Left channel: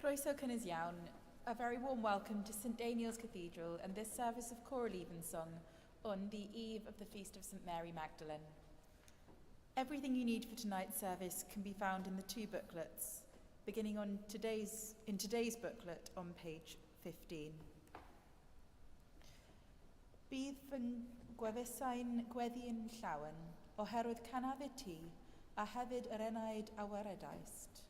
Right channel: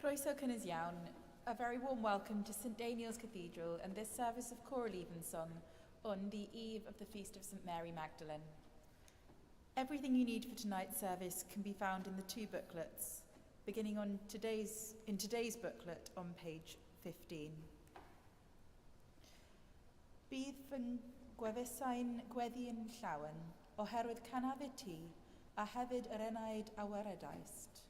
Croeso cynnes iawn, a very warm welcome to St Daniel's Cathedral and this service of Choral Evensong on the eve of the Feast of St Mary Magdalene. Everything you need for tonight's service can be found in the two booklets, beginning in today's booklet on page 15. Bydd fy gwefusau'n gweddi'n llawen oherwydd canafu ti a hefyd yr enaid a weredaist.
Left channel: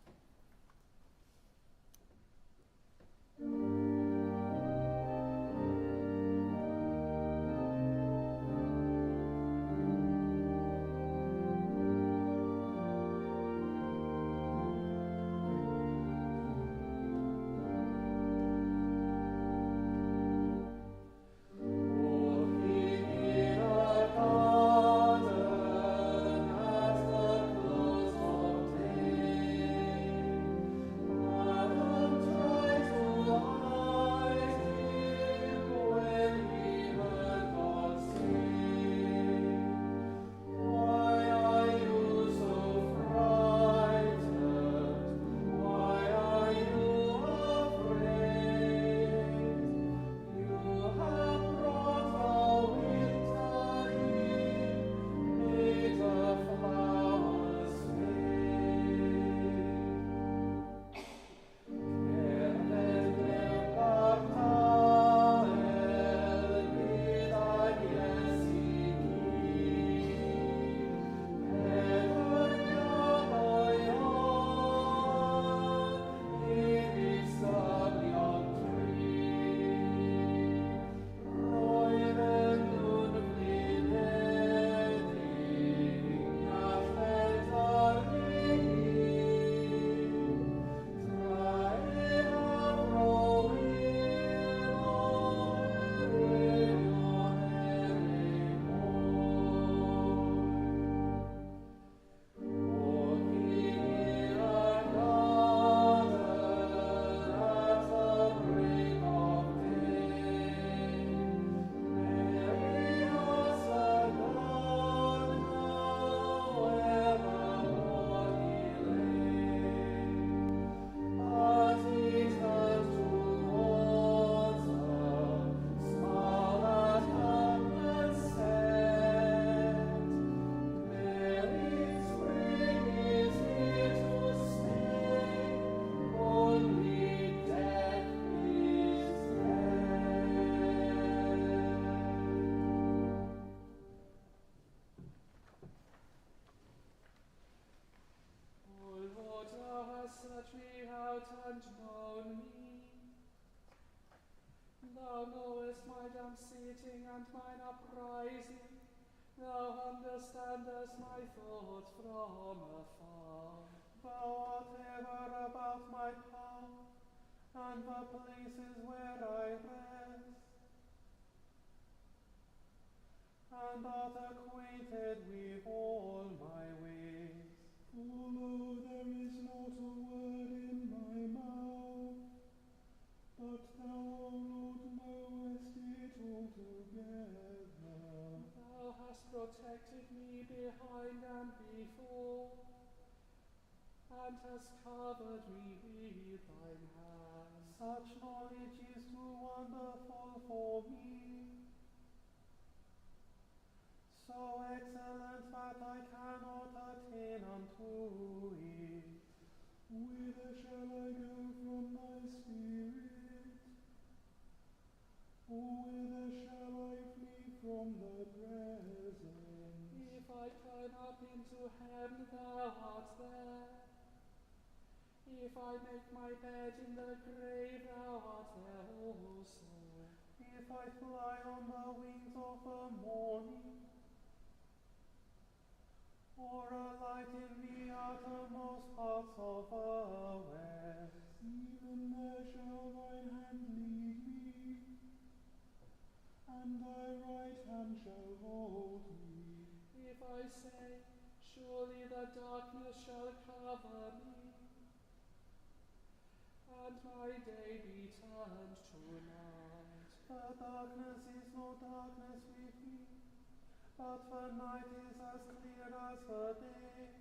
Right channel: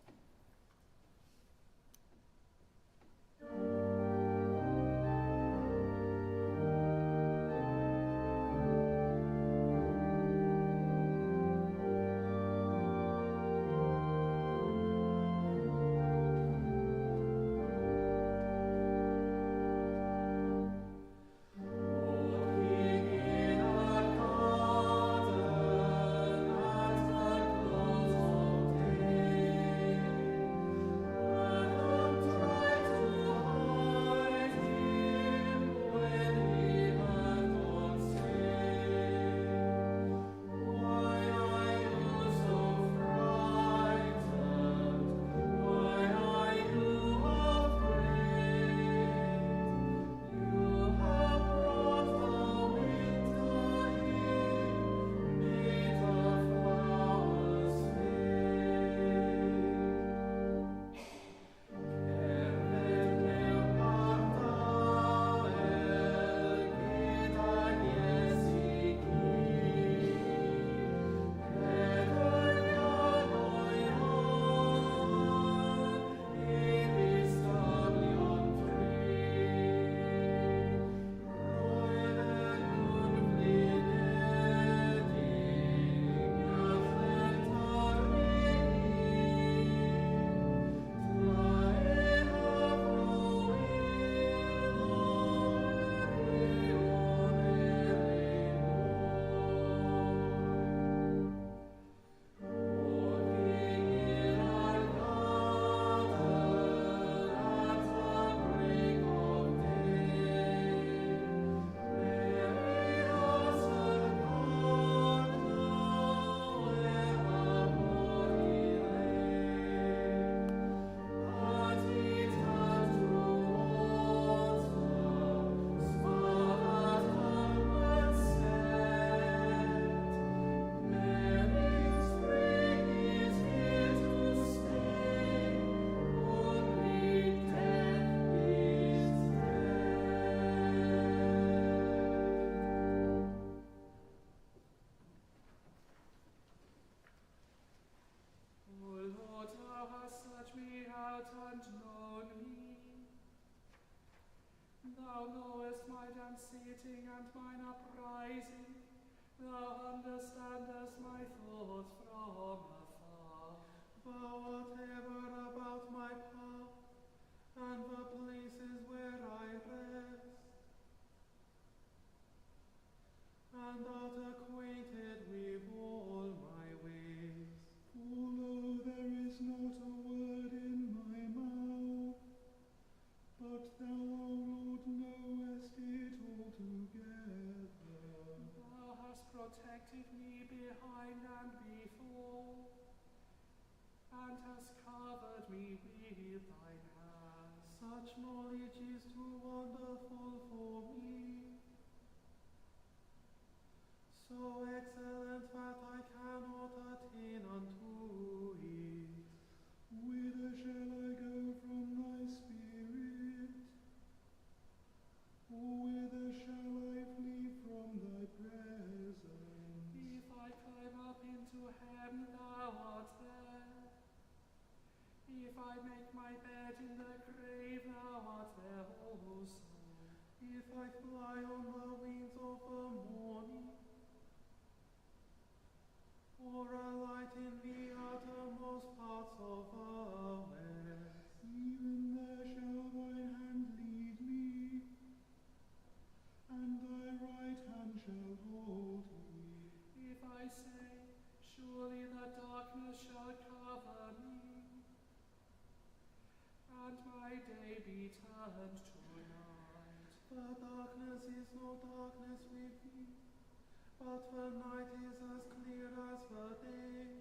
Thou knowest my dance-seating and mine uprising. Thou understandest my thoughts from afar. Thou art ever about my path, and the places where I rest, and art acquainted with all my ways. Although there is not a word in my mouth, but thou, O Lord, knowest it altogether. Thou hast protected me behind and before, and hast covered me with thine hand. Such knowledge is too wonderful for me, so excellent that I cannot attain unto it. Whither shall I go from thy spirit? Or whither shall I flee from thy presence? If I climb up into heaven, thou art there. If I make my bed in the grave, thou art there also. If I fly on the wings of the morning, or alight in the outermost parts of the west, even there shall thine hand lead me, and thy right hand shall hold me. If I say, surely the darkness shall cover me, and my day be turned to night. the darkness is no darkness with me, but the night is as clear as the day.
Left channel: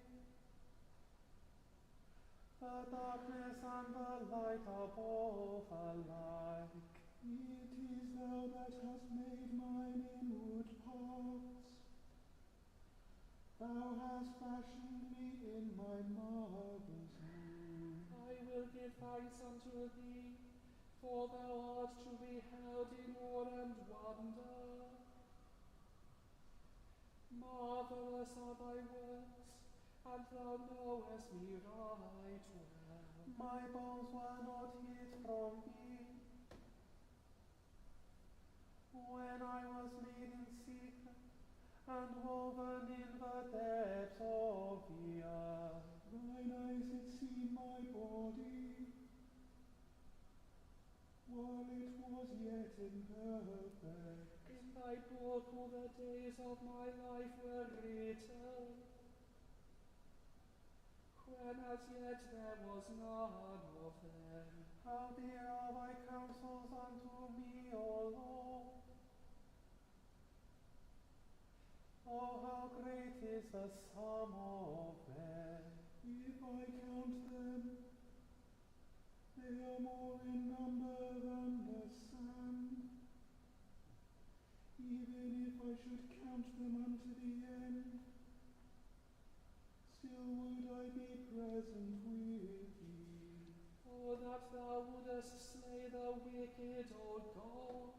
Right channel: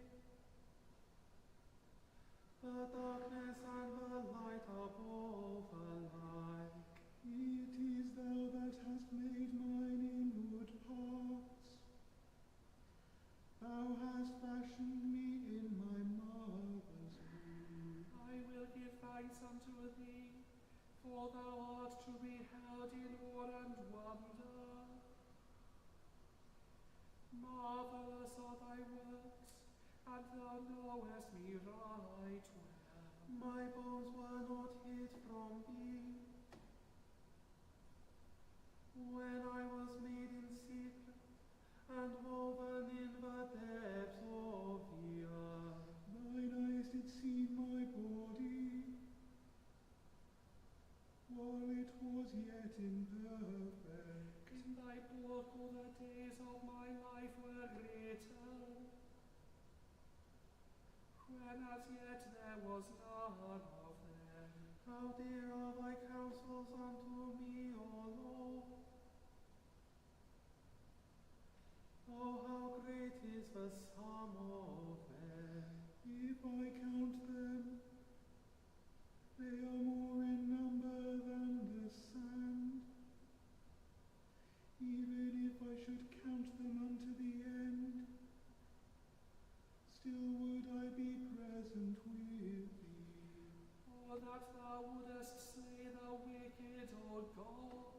The darkness and the light sight of all alike. It is thou that hast made mine inward parts. Thou hast fashioned me in my mother's womb. I will give thanks unto thee, for thou art to be held in awe and wonder. Marvelous are thy works, and thou knowest me right well. My bones were not hid from thee, when I was made in secret, and woven in the depths of the earth. Thine eyes did see my body, while it was yet imperfect. In thy book all the days of my life were written, when as yet there was none of them. How dear are thy counsels unto me, O Lord! Oh, how great is the sum of them! If I count them, they are more in number than the sand. Even if I should count them unto the end, still would I be present with thee. Oh, that thou wouldest slay the wicked, O God!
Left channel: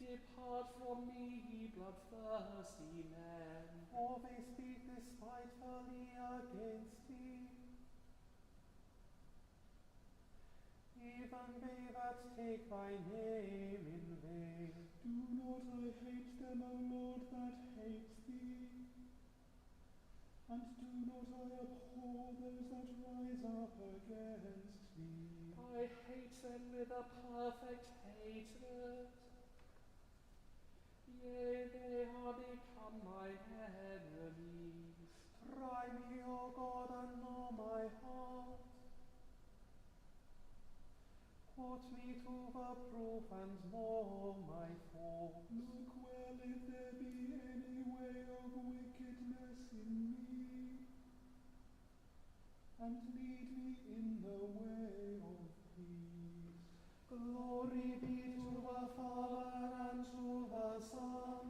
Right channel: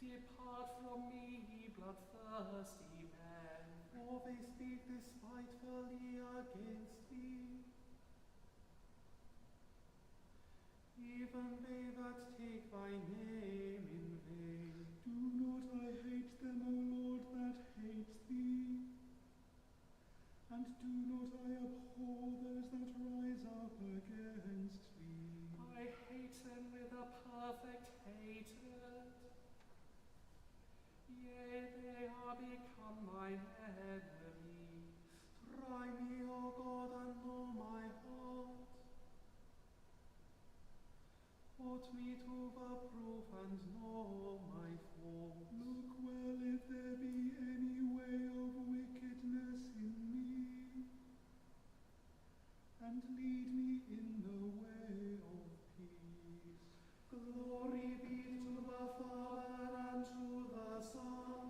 Depart from me, ye bloodthirsty men. For they speak despitefully against thee. Even they that take thy name in vain. Do not I hate them, O Lord, that hate thee? And do not I abhor those that rise up against thee? I hate them with a perfect hatred. Yea, they are become mine enemies. Try me, O God, and know my heart. Put me to the proof and know my faults. Look well if there be any way of wickedness in me, and lead me in the way of peace. Glory be to the Father, and to the Son,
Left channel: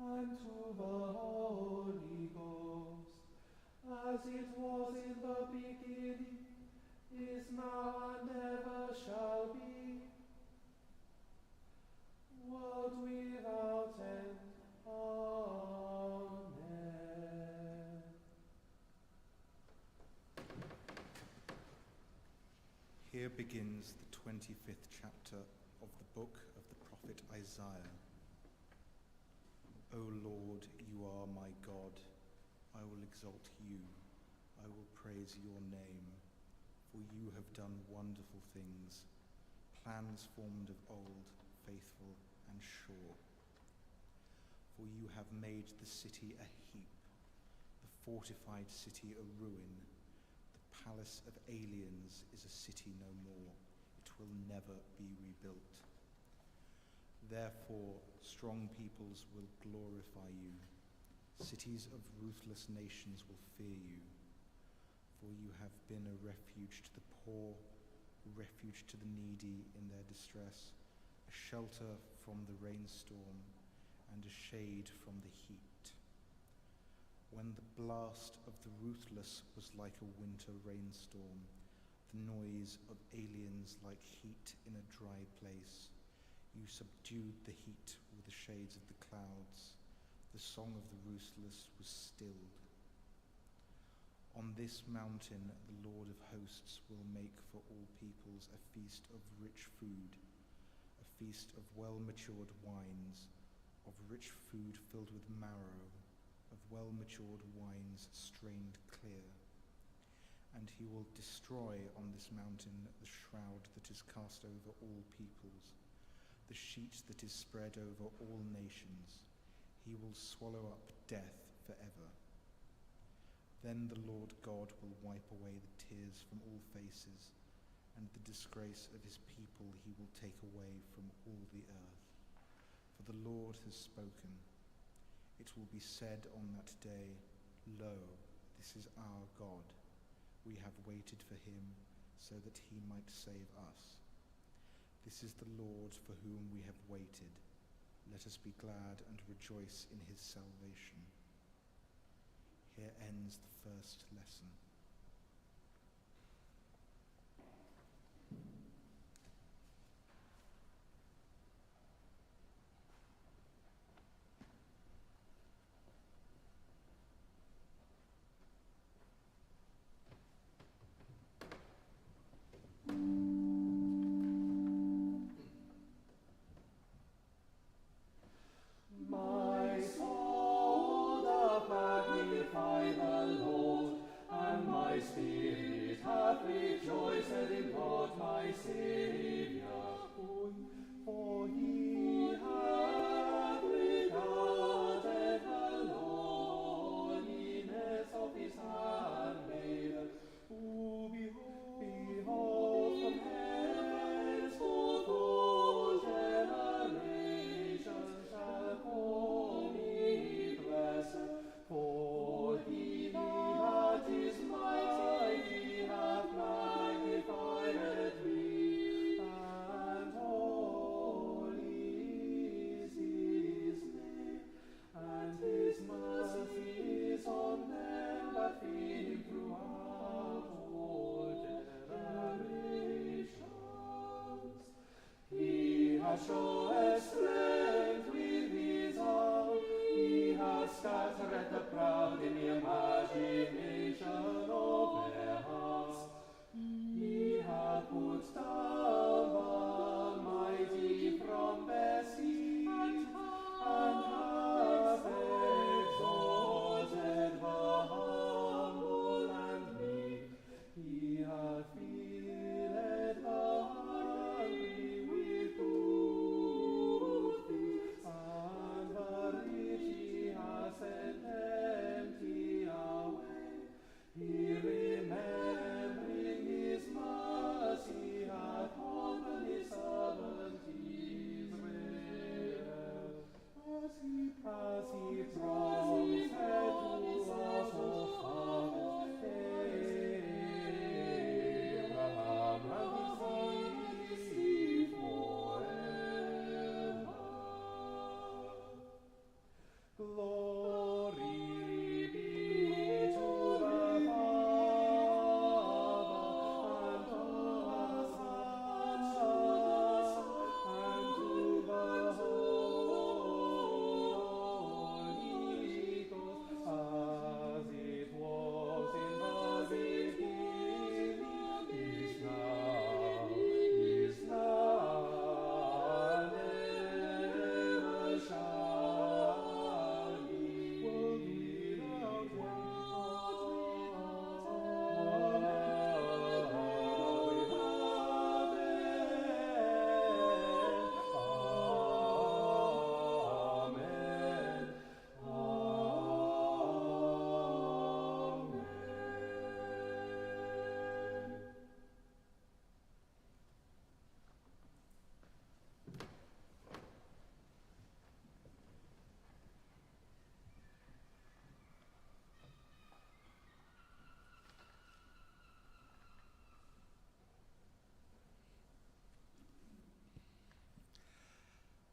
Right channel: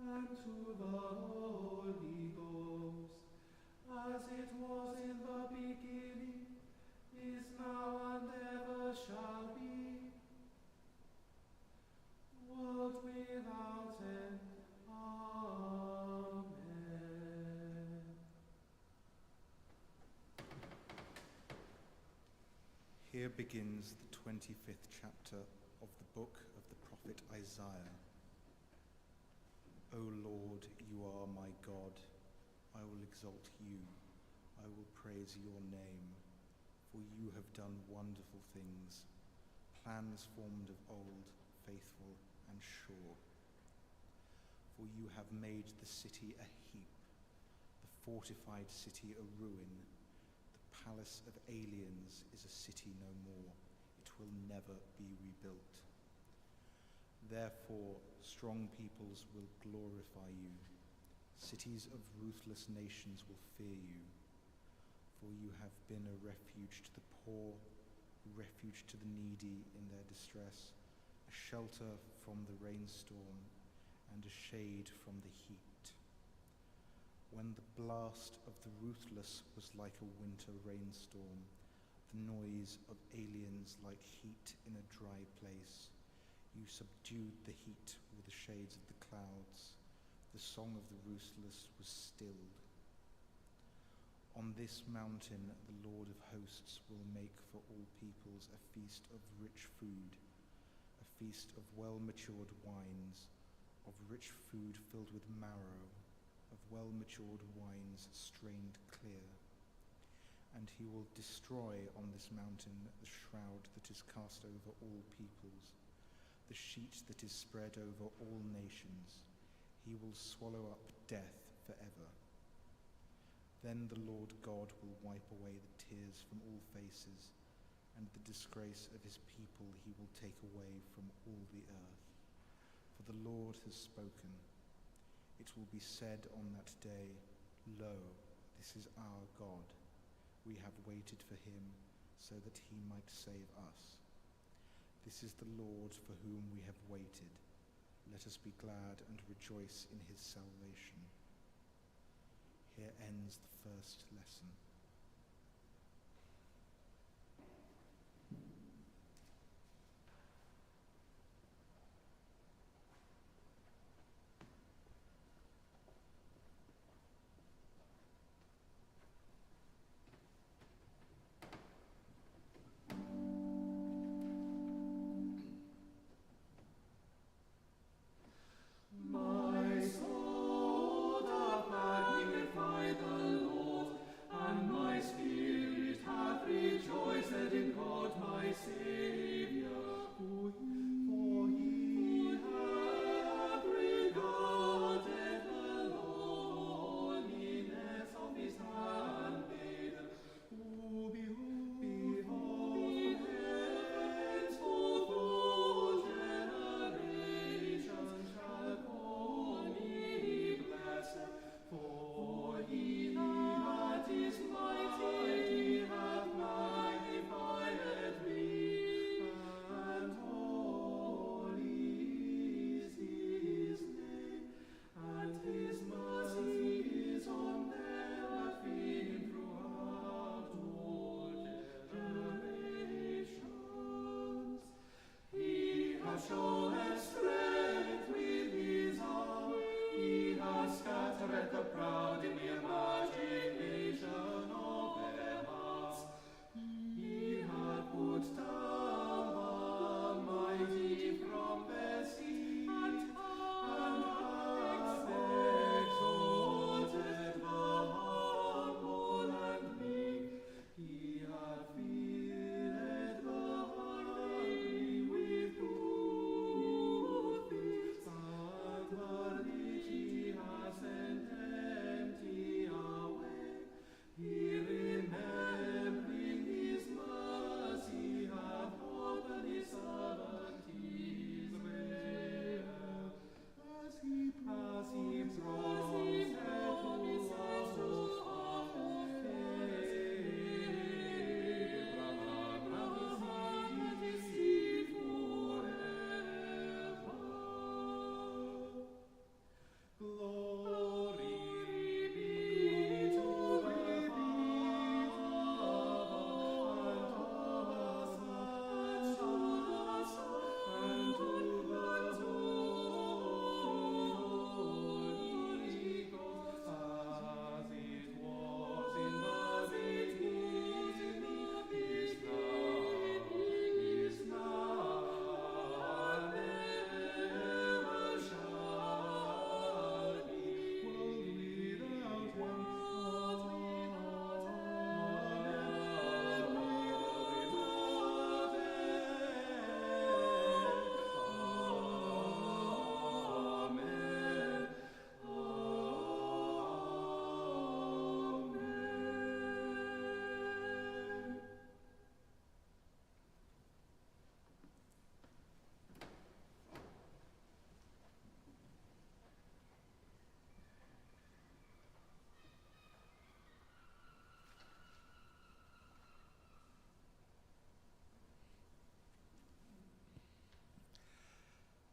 and to the Holy Ghost, as it was in the beginning, is now, and ever shall be, world without end. Amen. Here begins the 25th chapter of the book of the prophet Isaiah. O Lord, you are my God. I will exalt you. I will praise your name, for you have done wonderful things, plans formed of old, faithful and sure. For you have made the city a heap, the fortified city a ruin. The palace of aliens is a city no more. It will never be rebuilt. Therefore, strong peoples will glorify you. Cities of ruthless nations will fear you. For you have been a refuge to the poor, a refuge to the needy in their distress, a shelter from the rainstorm, and a shade from the heat. When the blast of the ruthless was like a winter rainstorm, the noise of aliens like heat in a dry place, you subdued the heat with the shades of the clouds. The song of the ruthless was stilled. On this mountain the Lord of hosts will make for all peoples a feast of rich food, a feast of well-matured wines, of rich food filled with marrow, of well-matured wines strained clear. And he will destroy on this mountain the shroud that is cast over all peoples, the sheet that is spread over all nations. He will swallow up death forever. Then the Lord God will wipe away the tears from all faces, and the disgrace of his people he will take away from all the earth. For the Lord has spoken. It will be said on that day, Lo, this is our God. We have waited for him so that he might save us. This is the Lord for whom we have waited. Let us be glad and rejoice in his salvation. Here ends the first lesson.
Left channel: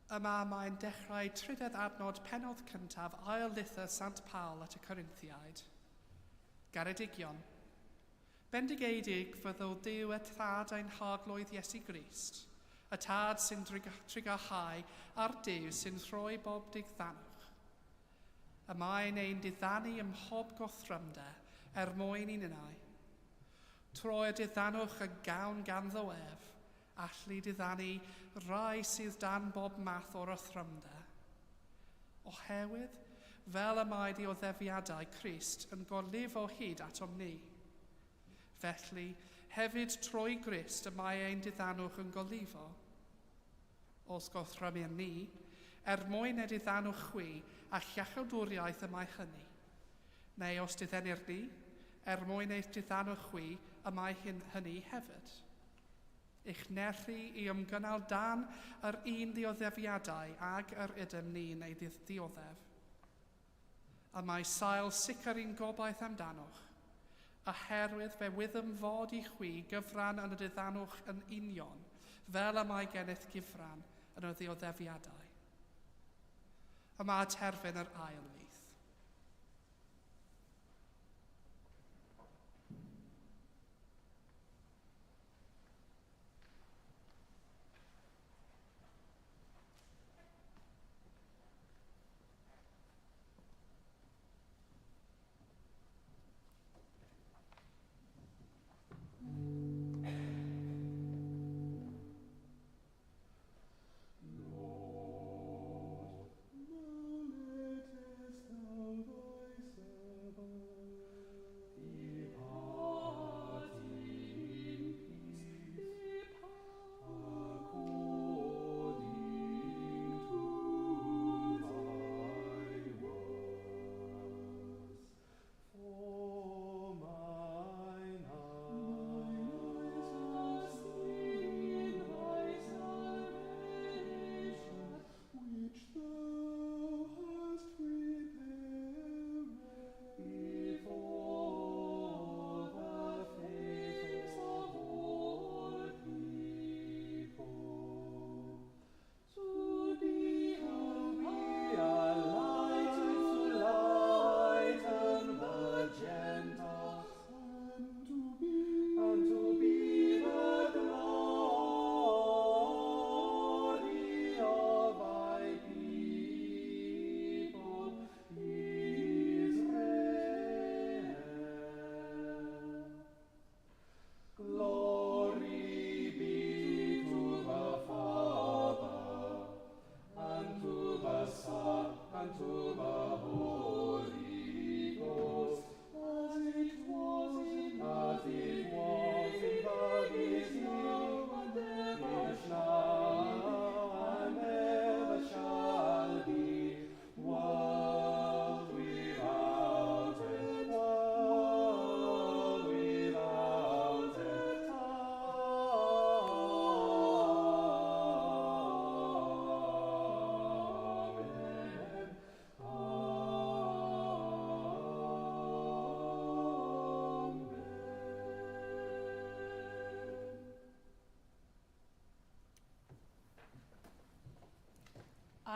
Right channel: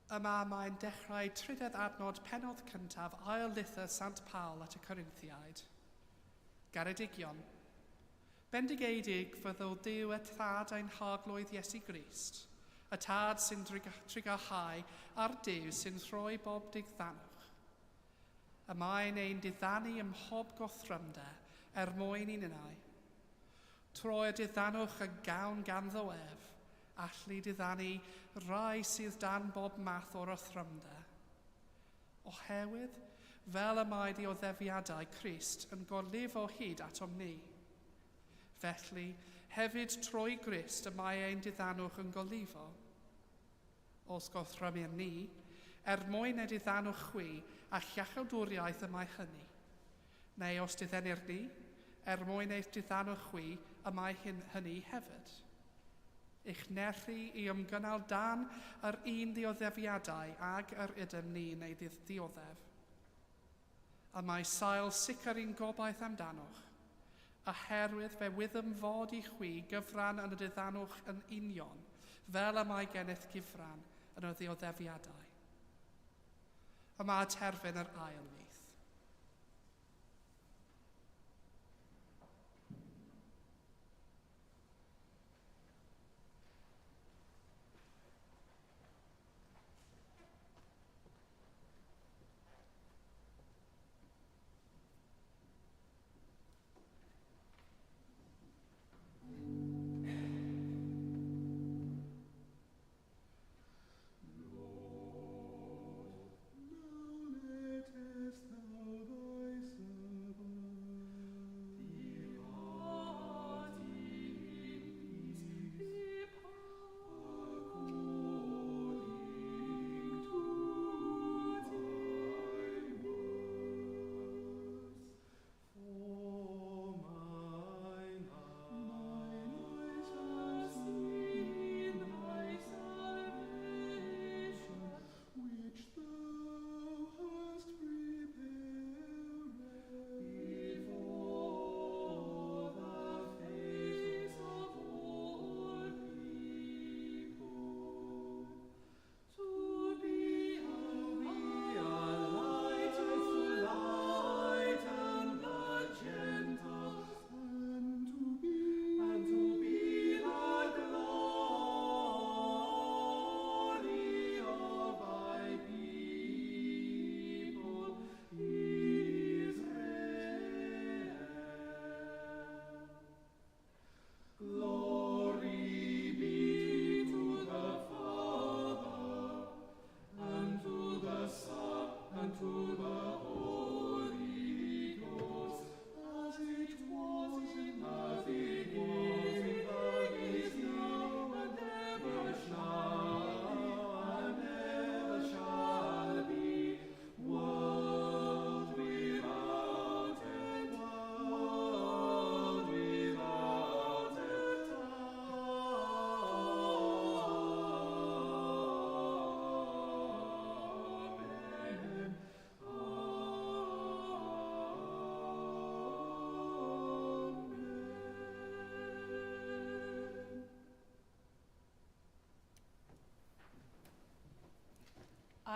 Yma mae'n dechrau trydydd adnod penodd cyntaf ail lythyr Sant Paul at y Corinthiaid. Garedigion. Bendigedig fyddw Duw y tad ein haglwydd Iesu Grist, y tad sy'n trigahau a'r Duw sy'n rhoi bob digddanwch. Y mae'n ein diddanu ym mhob gothrymder mwyn i'n unau. Troi'r diddannwch y gawn ganddo ef, allu diddanu rai sydd dan bob math o'r othrymder. Oherwydd, fel y mae dioddefiadau Crist yn gorlif o hyd atom ni. Felly, hefyd trwy Grist y mae ein diddannwch yn golifo. Os gothrymir ni, mwyn y diddannwch chwi a llachawdwriaeth y mae hynny. Neu os diddenir ni, mwyn eich diddannwch chwi y mae hynny hefyd. Eich nerchu i ymgynnal dan yr un dioddefiadau ag yr ydym ni'n ei ddioddef. Y mae sail sicr i'n gobaith amdanoch. Oherwydd fe wyddym fod i chwi gyfran yn y diddanwch yn union, fel y mae gennych gyfran yn y ddioddefiadau. Yma terfyn yr ail nyth.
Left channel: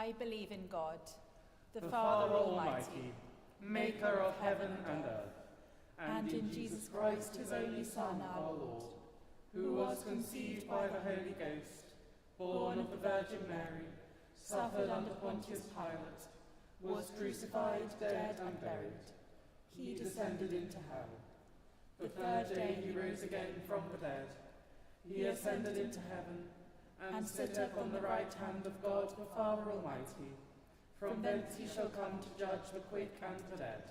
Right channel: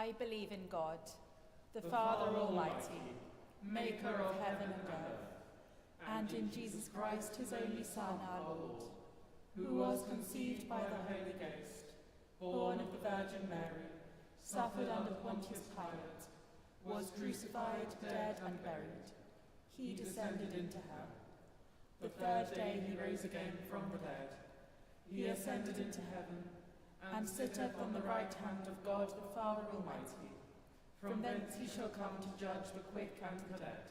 I believe in God, the Father Almighty, maker of heaven and earth, and in Jesus Christ, his only Son, our Lord, who was conceived by the Holy Ghost, born of the Virgin Mary, suffered under Pontius Pilate, was crucified, dead, and buried. He descended into hell. The third day he rose again from the dead. He ascended into heaven, and sitteth on the right hand of God the Father Almighty. From thence he shall come to judge the quick and the dead.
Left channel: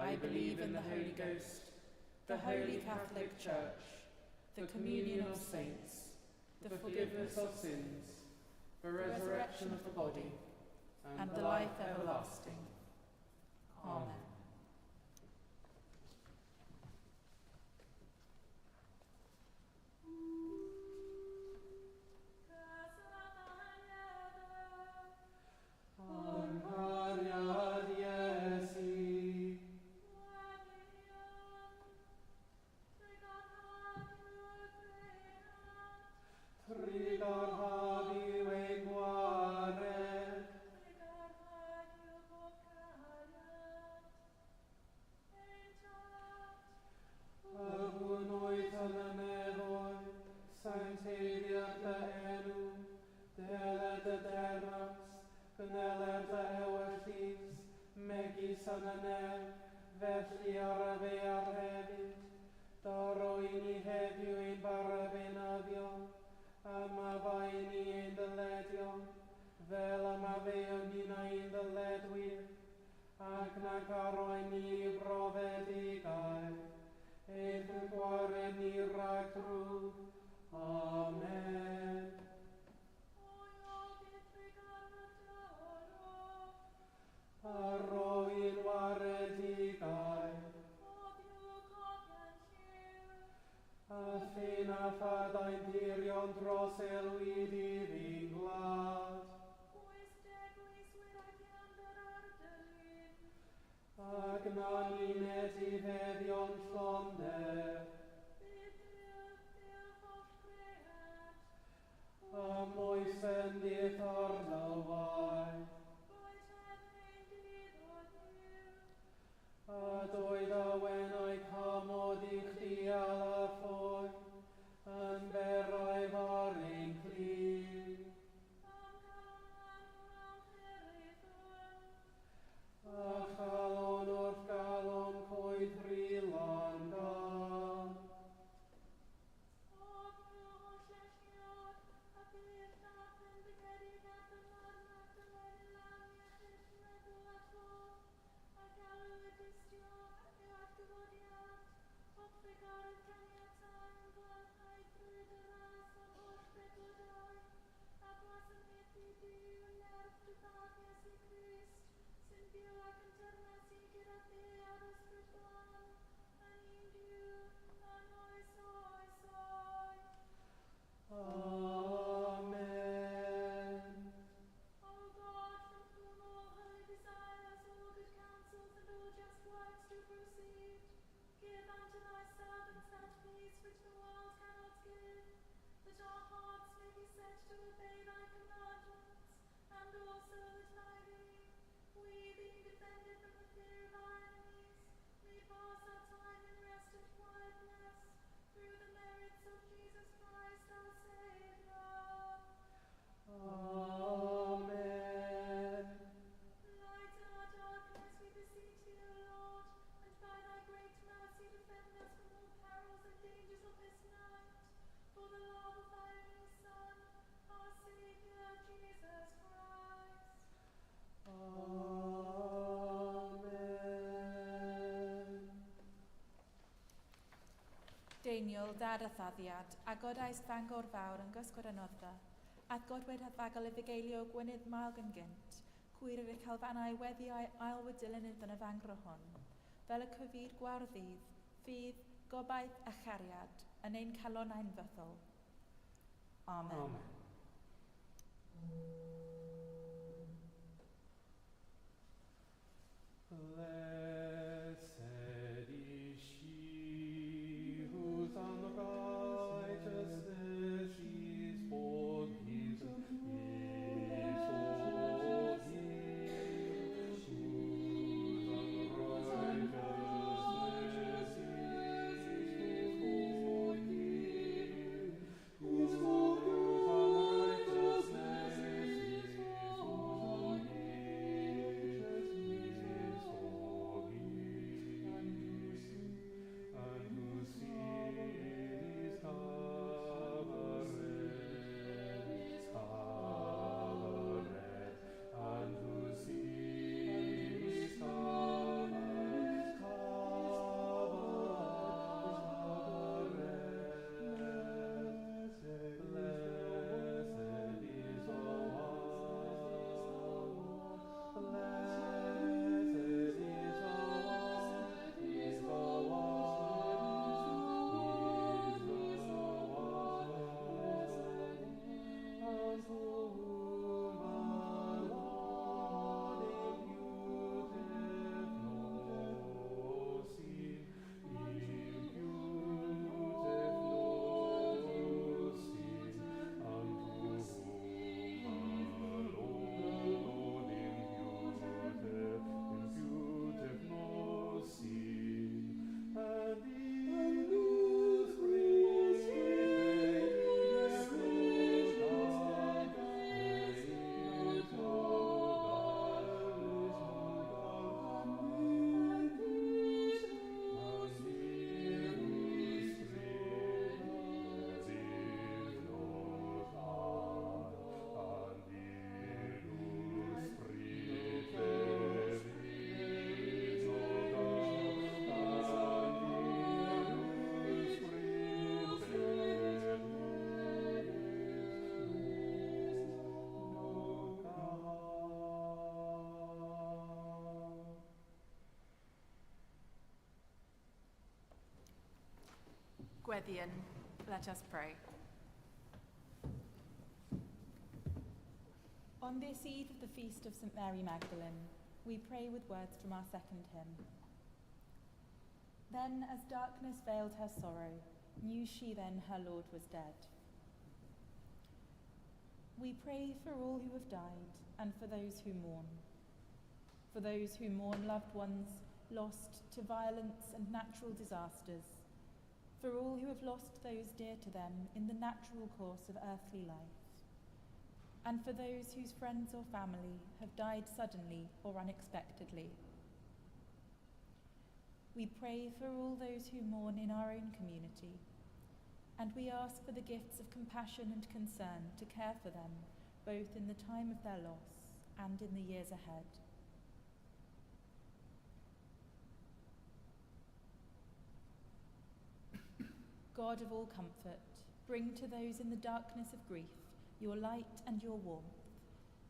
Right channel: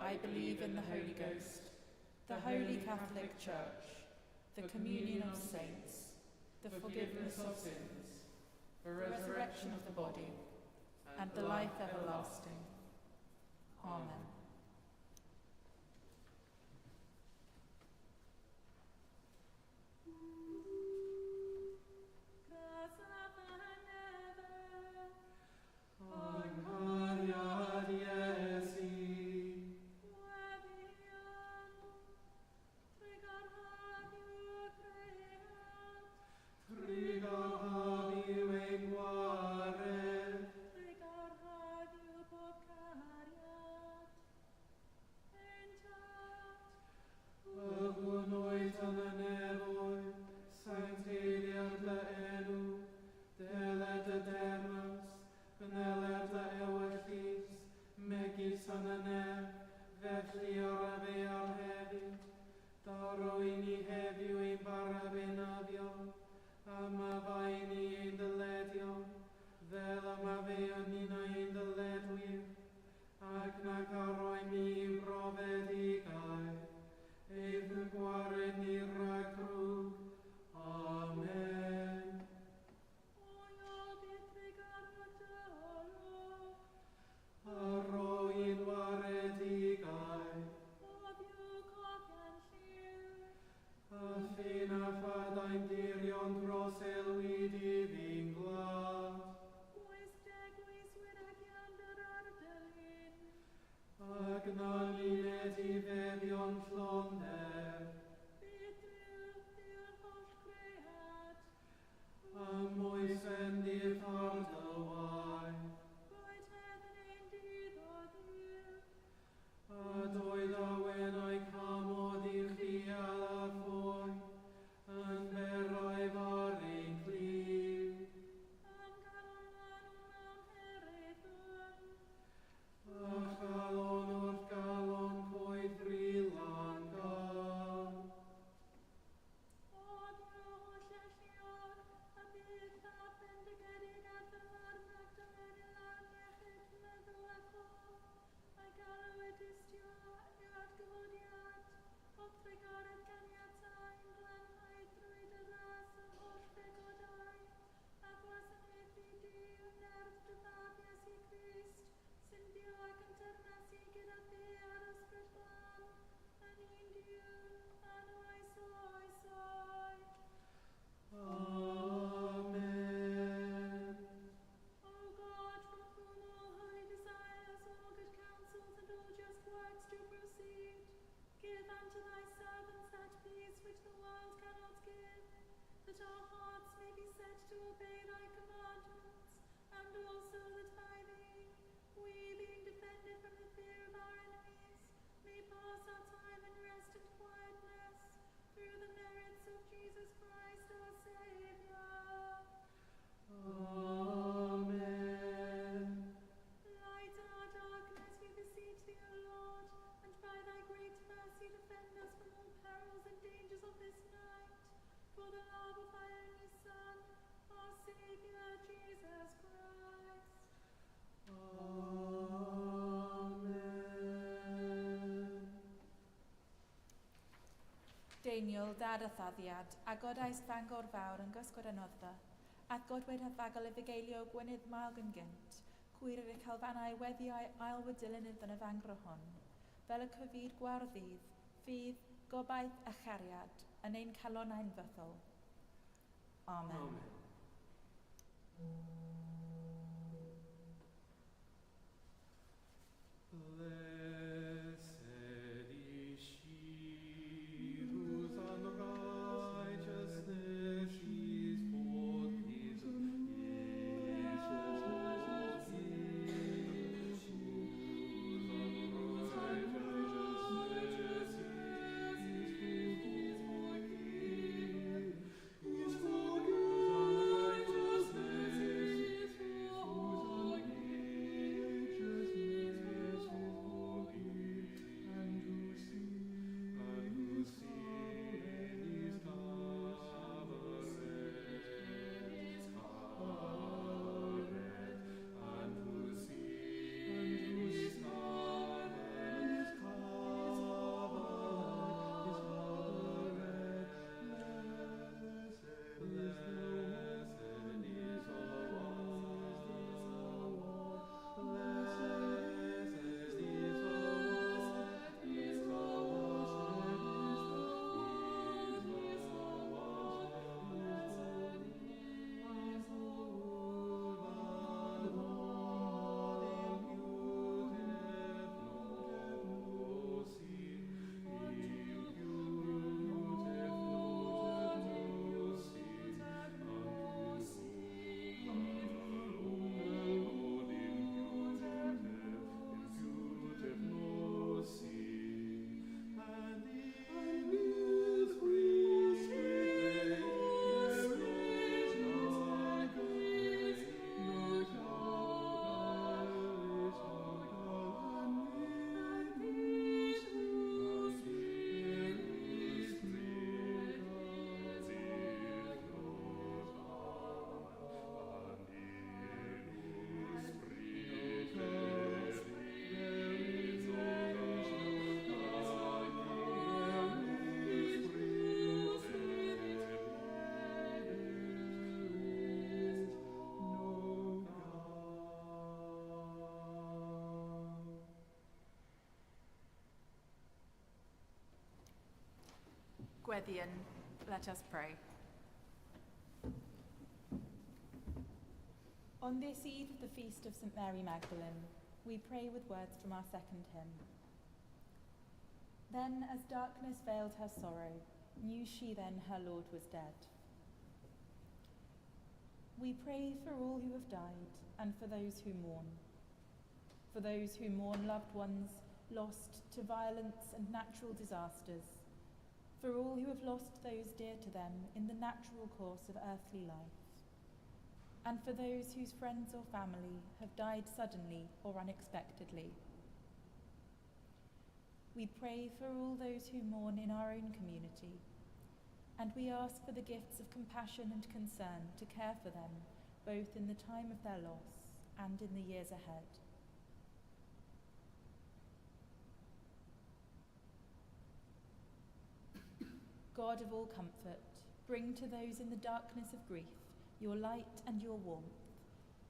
I believe in the Holy Ghost, the Holy Catholic Church, the communion of saints, the forgiveness of sins, the resurrection of the body, and the life everlasting. Amen. Magdalene, that our hearts may be set to obey thy commandments, and also that by thee, we being defended from the fear of our enemies, may pass our time in rest and quietness, through the merits of Jesus Christ our Saviour. Amen. Light our darkness, we beseech thee, O Lord, and by thy great mercy defend us from all perils and dangers of this night, for the love of thy only Son, our Saviour, Jesus Christ. Amen. Daniel, dad a thaddiad, a godaist fangor fawr yn gysgod y noddfa, at godwyd hadfagol y fugeilio gwynydd mael gan gynt, cwyr yr calfanau weddi ail wydylyn iddyn y fangro hon, fel y cyfyd gwardydd, ffydd, gobaith a chariad, yn ein calon ein fyddol. Amen. Blessed is she whose unrighteousness is forgiven, is forgiven, whose unrighteousness is forgiven, whose Gweddian, let us pray. On this eve of the feast of St. Mary Magdalene, we pray with words from our second hymn. Then, as darkness veiled her sorrow, knew she then her Lord was dead. We pray for all who have died and for those who mourn loved ones lost to violence and natural disasters, for all who have lost those dear to them in the natural course of earthly life, and for those whose friends or family have died suddenly or unexpectedly. We pray for all those who mourn in our own community, and we ask for the gifts of compassion and concern to care for them, both in the time of their loss and in the years ahead. God of all comfort, bring to those in the darkness of grief your light and your warmth,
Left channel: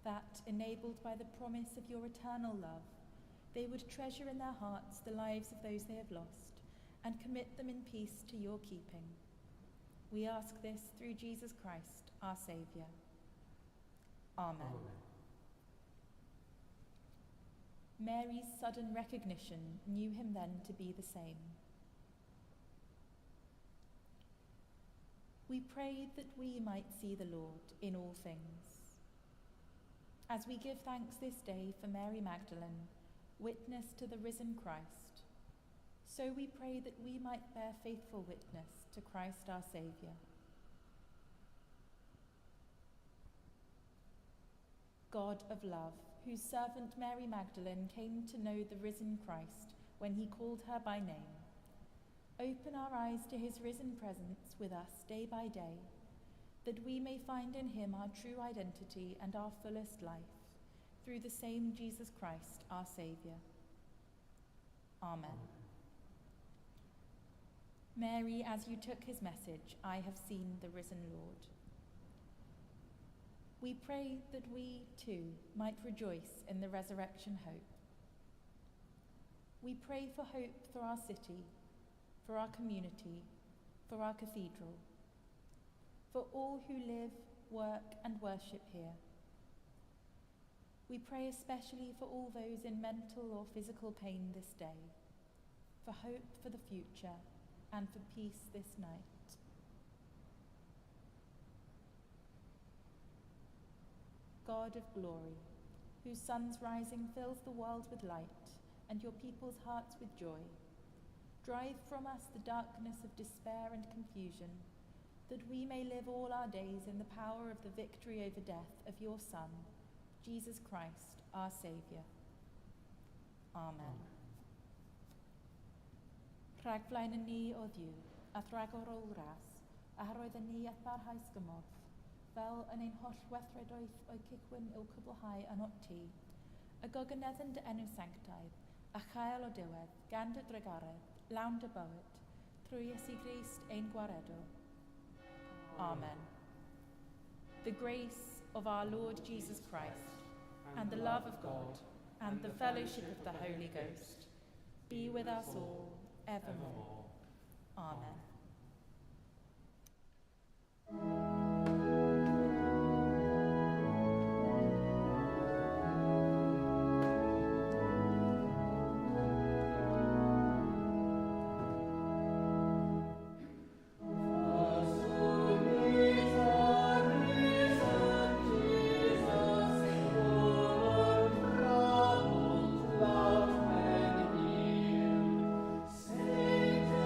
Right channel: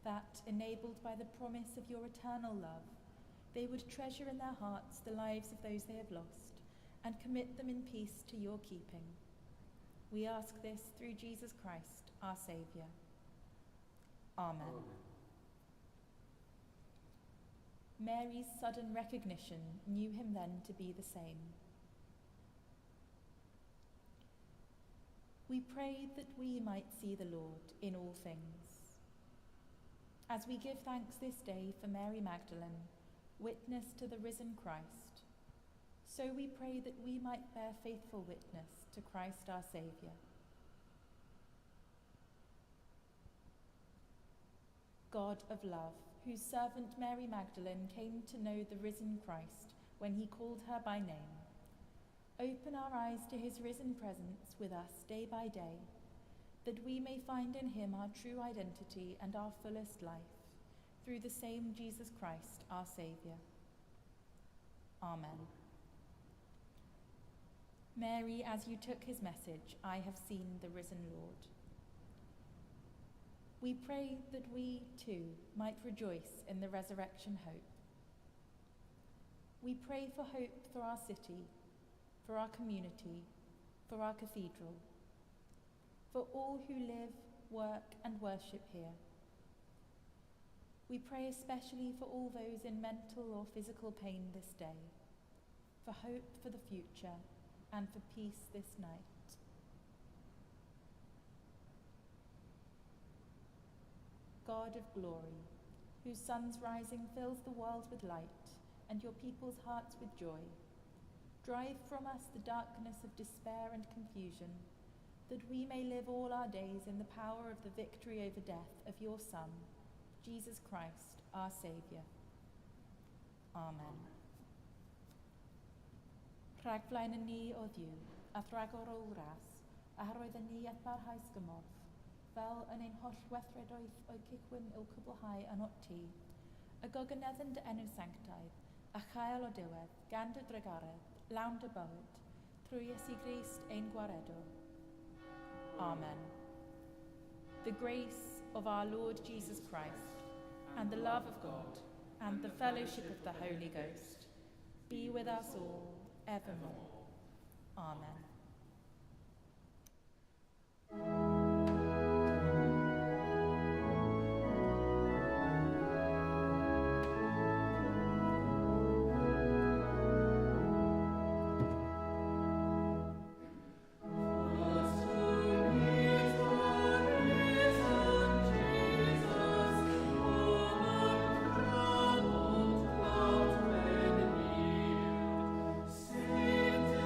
that, enabled by the promise of your eternal love, they would treasure in their hearts the lives of those they have lost, and commit them in peace to your keeping. We ask this through Jesus Christ, our Saviour. Amen. Mary's sudden recognition knew him then to be the same. We prayed that we might see the Lord in all things. As we give thanks this day for Mary Magdalene, witness to the risen Christ, so we pray that we might bear faithful witness to Christ our Saviour. God of love, whose servant Mary Magdalene came to know the risen Christ when he called her by name, open our eyes to his risen presence with us day by day, that we may find in him our true identity and our fullest life, through the same Jesus Christ, our Saviour. Amen. Mary, as you took his message, I have seen the risen Lord. We pray that we, too, might rejoice in the resurrection hope. We pray for hope for our city, for our community, for our cathedral, for all who live, work and worship here. We pray especially for all those in mental or physical pain this day, for hope for the future and for peace this night. God of glory, whose sun's rising fills the world with light and your people's hearts with joy, drive from us the darkness of despair and confusion, that we may live all our days in the power of the victory over death of your Son, Jesus Christ, our Saviour. Amen. Rhagflaen yn ni o ddiw, a thragor o wras, a roedd yn ni at barhaus gymorth, fel yn ein holl weithredoedd o'i cicwyn i'w cwblhau yn ot ti, y gogyneddyn dy enw sanctaidd, a chael o diwedd, gan dy dregaredd, lawn dy bywyd, trwy Iesu Grist ein gwaredw. Amen. The grace of our Lord Jesus Christ, and the love of God, and the fellowship of the Holy Ghost, be with us all, evermore. Amen. Saint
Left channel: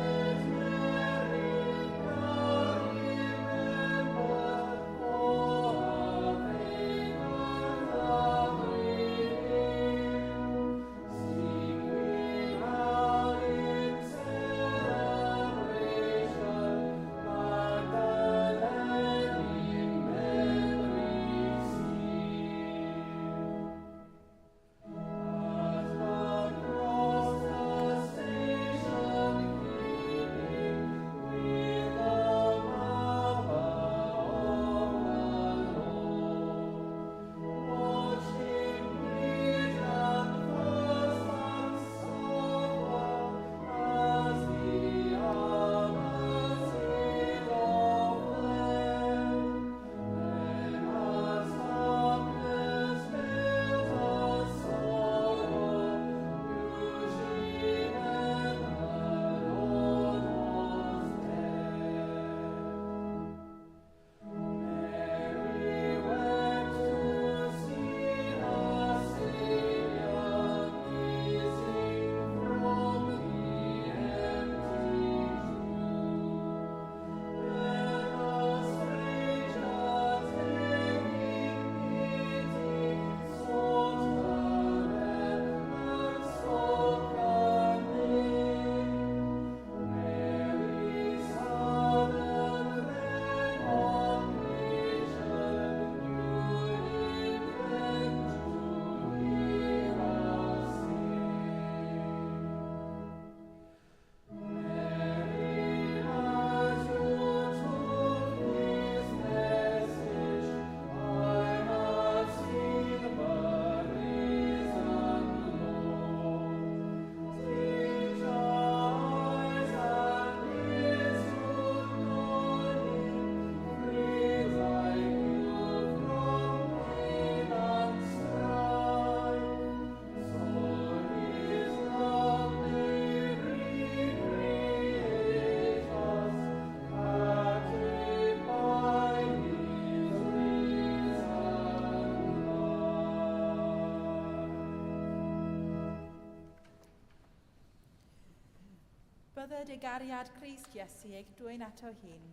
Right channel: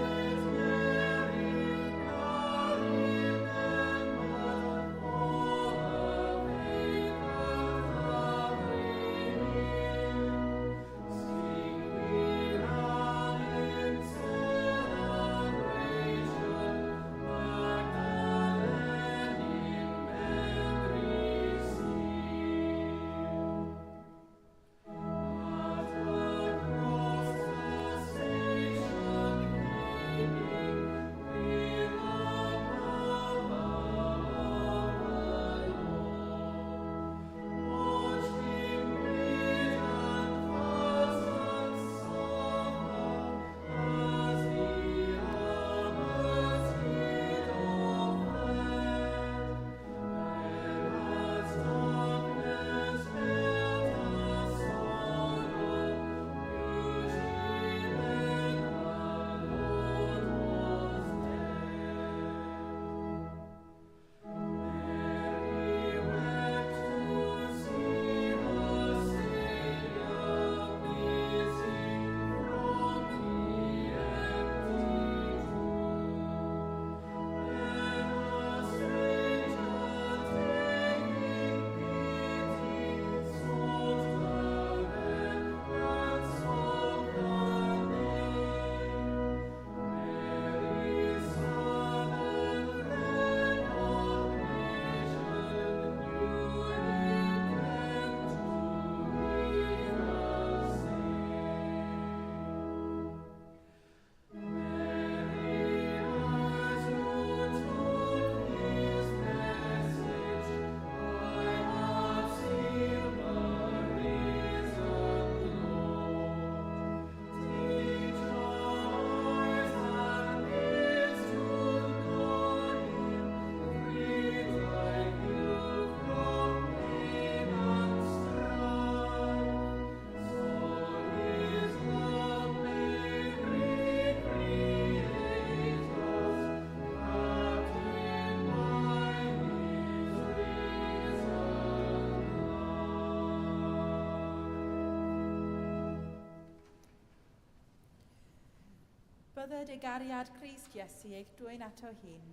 Bydded ei gariad Crist Iesu eich dwy'n ato hun.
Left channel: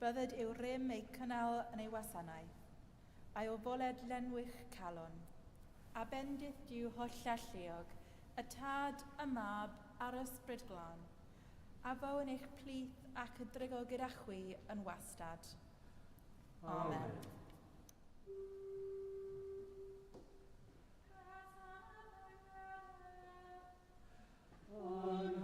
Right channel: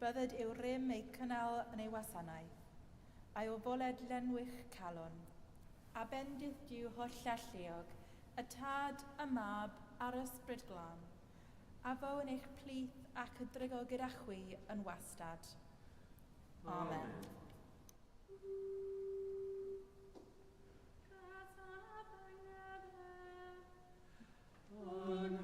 Bydded i'w rym ei cynnal yn ei wasanaeth, a'i ofoled lenwych calon. A bendith diw holla lleog, y tad, y mab, a'r ysbryd glân. A fo yn eich plith ac y drygo gyda chwi yn wastad. Amen. Amen.